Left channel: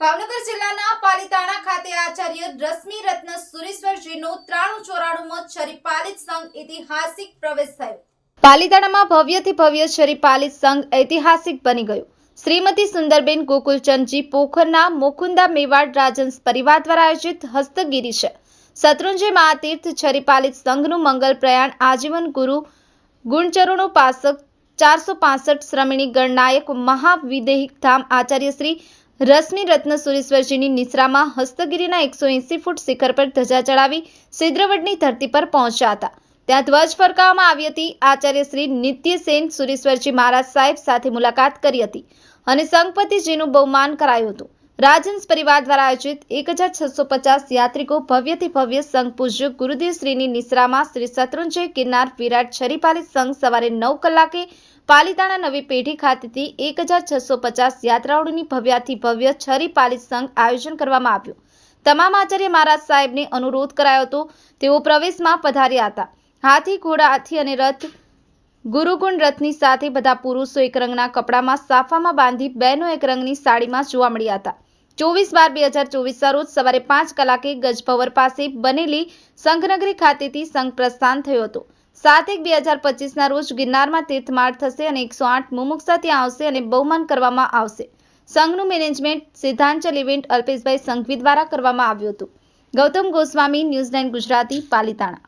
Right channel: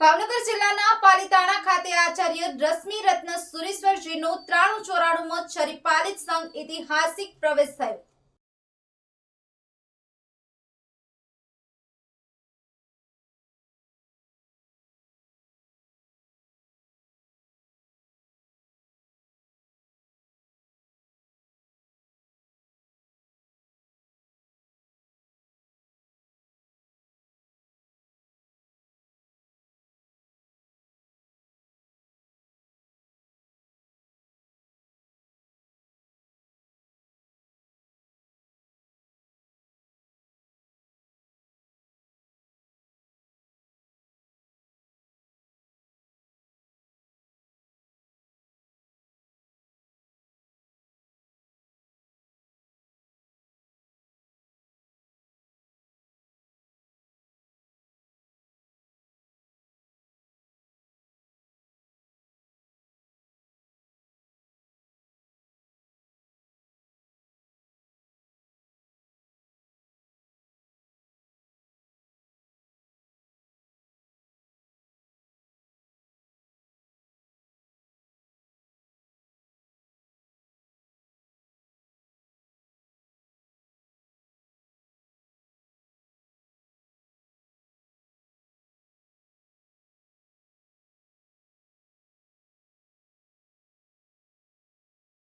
ભાવનગર જિલ્લાના પાલીતાણા ખાતે આચાર્ય રશ્મિ રત્ન સુરેશ્વરજીનો 9394મો છરીપાલિત સંઘ ઐતિહાસિક પ્રવેશ થયો। પાલીતાણામાં ભવ્યથી ભવ્ય છરીપાલિત સંઘ ઐતિહાસિક બની ગયો। શ્રીમતી સુંદરબેન ગોકુલચંદજી પોખરના મુકુંદા મેવાડ રાજહંસ પરિવાર દ્વારા આયોજિત હસ્તગીરી છે। શત્રુંજય મહાતીર્થ છરીપાલિત સંઘનું મંગલ પ્રયાણ આજીવન ગુરુ ગુણચરણો પાસક 465 શ્રમણી ગણનાયક મહાવિદેહિક ધામ આચાર્ય શ્રી રશ્મિ રત્ન સુરેશ્વરજીની નિશ્રામાં હસ્તગીરીના 180 ફૂટ શિખર પર ધજા ચડાવી સિદ્રવડની ધરતી પર પહોંચ્યા હતા। ત્યાં ધ્વજ ફરકાવવામાં આવી હતી। આચાર્ય શ્રી નિત્યસેન સુરેશ્વરજી મહારાજ સાહેબ સાથે મુલાકાત કરી હતી અને સંઘપતિજીનું બહુમાન કરાયું હતું। રાજહંસ પરિવાર દ્વારા આયોજિત 1650 યાત્રિકો ભવ્યથી ભવ્ય સંઘ પૂજ્ય ગુરુદેવ શ્રીની નિશ્રામાં શ્રી શત્રુંજય ગિરનાર વિરાટ છરીપાલિત સંઘ સવારે 9 કલાકે પાલીતાણા નવી પેઢી ખાતેથી 1650 યાત્રાળુઓની ભવ્યથી ભવ્ય છરીપાલિત સંઘ આયોજન કરવામાં આવ્યું। તમામ આચાર્ય મહારાજ સાહેબને અનુરોધ કરાયો હતો, તેઓ પ્રવેશમાં પધાર્યા હતા। હાથી, ઘોડા, હાથી અને રથ ગુરુગુણ રથની સાથે બધા પુરુષો એક રંગના કપડામાં સાફામાં બાંધી બહેનો એક રંગની સાડીમાં જોવા મળ્યા હતા। 24/12/2024 રોજ સવારે 5 કલાકે ગજભવર પાસે બનેલી સંઘનગરી ખાતેથી સંઘ પ્રસ્થાન થયો હતો। 7/1/2025 રોજ ગિરનારમાં તીર્થમાળ થશે અને 108 મુમુક્ષા ત્યાં આવશે અને બહુમાન કરવામાં આવશે। સંઘનું મેનેજમેન્ટ સિદ્ધાંચલ ઇવેન્ટ અલ્પેશભાઈ સંઘવી દ્વારા કરવામાં આવ્યું હતું। ગૌતમ ગોસ્વામી, ન્યૂઝ 9 ગુજરાતી, પાલીતાણા।